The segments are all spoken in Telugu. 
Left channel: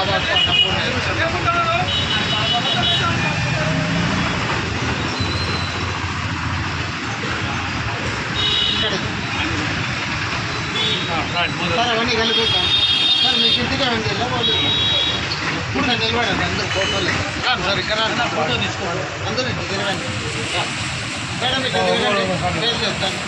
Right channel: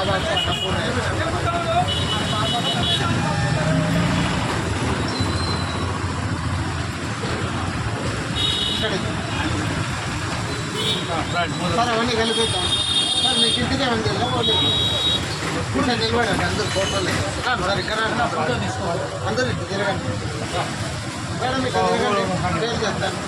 బాబాకు అన్నపూర్ణ సార్ అవన్నీ కలిపిద్దాం సార్ మీకు ఇంటికే ఉంది ఇప్పుడు నిలబడండి అందరూ ఫోటోలు సార్ ఇక్కడ అందరూ ఇంటి తిరగండి మేడం ఇక్కడ తిరగండి పేరు చెప్తాను.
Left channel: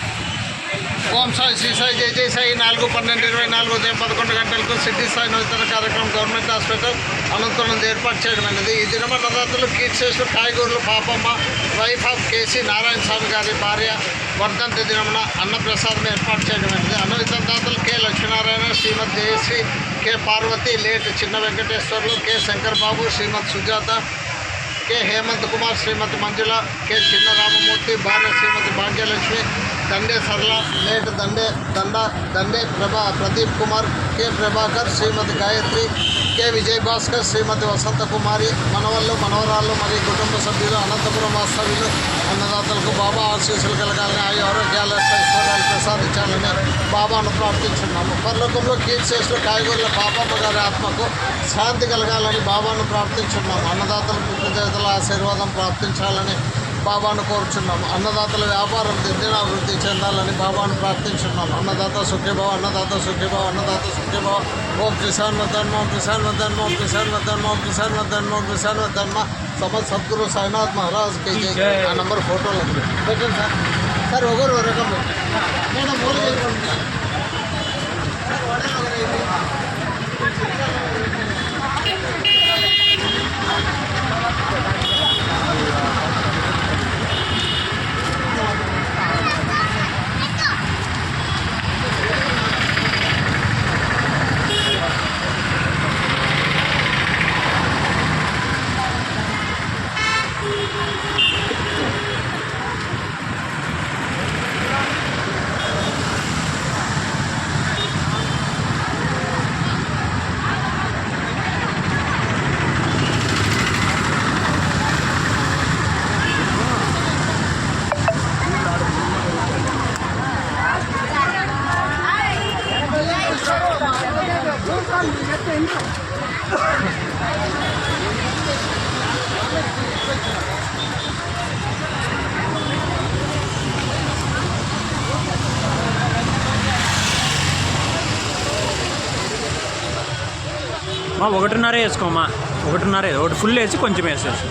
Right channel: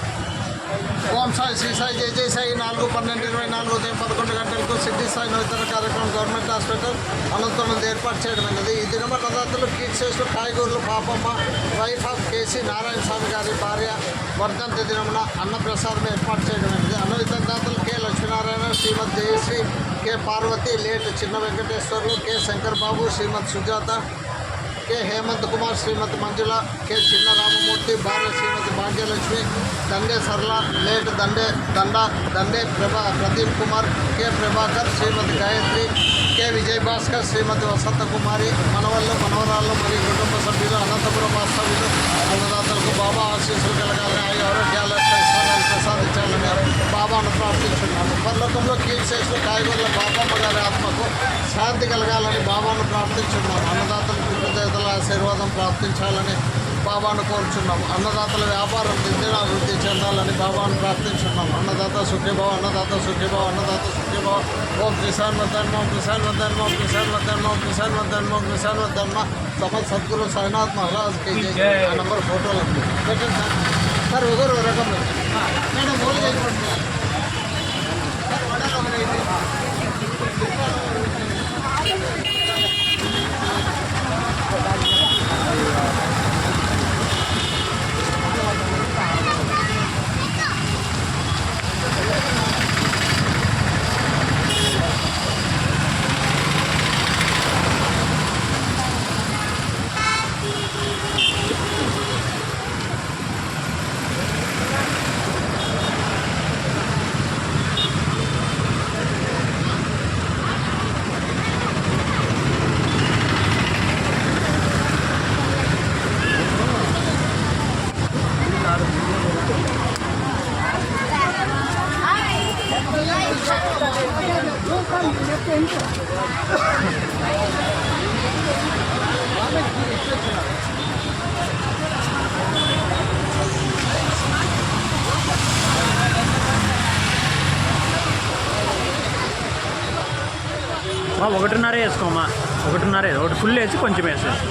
ఓం సాయి శ్రీ సాయి జై జై సాయి 4/12/24 ఉదయం 11 గంటలకు సిటీ స్థాయి నూతన కార్యక్రమం గవర్నమెంట్ హాస్పిటల్ అనంతపురం జరిపాటు చేయడమైనది. ఈ దినమ నవరాత్రులు కీర్తిశేషులు కాయగూరులు Pappamma wife of K C Narayana Swamy గారి భార్య వర్ధంతి దినమున అన్నప్రసాదం ఏర్పాటు చేయడమైనది. అన్న వితందాతలు K Lakshminarayana, Srimati Jayashree, K Parvathi, late Chinna Venkateswarlu, K Shankar Babu, Srimati Sujatha, K Hemanth Kumar, Srimati Manjula, K Chinna Ramamurthy, భార్య Srimati Bhagyalakshmi, Dande Sarala, late Dande Pradeep Kumar, K Prabhakar, Srimati Gayathri, K Vijay Bhaskar, Srimati Vasantha కుమారి, మనవళ్ళు మనవరాళ్ళు మరియు కుటుంబ సభ్యులు, అనంతపురం వాస్తవ్యులు అన్నదాతలకు బాబా ఆశీస్సులు కలగాలని ఆయు ఆరోగ్యాల ఐశ్వర్యాలు ప్రసాదించాలని బాబాను ప్రార్థించున్నాము. పరలోకంలో కీర్తిశేషులు కాయగూరల పాపమ్మ గారి ఆత్మకు శాంతి కలగాలని బాబాను ప్రార్థించున్నాము. అన్నదాతలకు పితృదేవతల ఆశీర్వాదం ప్రార్థించాలని బాబాను కోరుచున్నాము. అన్నదాతల వ్యాపారం దినదినాభివృద్ధి చెందాలని బాబాను ప్రార్థించున్నాము. అన్నదాత సుఖీభవ, అన్నదాత సుఖీభవ, అన్నదాత సుఖీభవ. ఓం త్రిశాన్వధన్మ, ఓం త్రిశాన్వధన్మ, ఓం త్రిశాన్వధన్మ, ఓం త్రిశాన్వధన్మ, ఓం త్రిశాన్వధన్మ. సమర్థ సద్గురు సాయినాథ్ మహారాజ్ కి ఆ నెంబర్ ఫోటోలు పెట్టండి సార్. ఒకరు రకం మేడం ఒకటిన్నర వేసుకోమా, ఒకటిన్నర ఒకటి ఫుల్ వేసి కొంచెం వేసేసి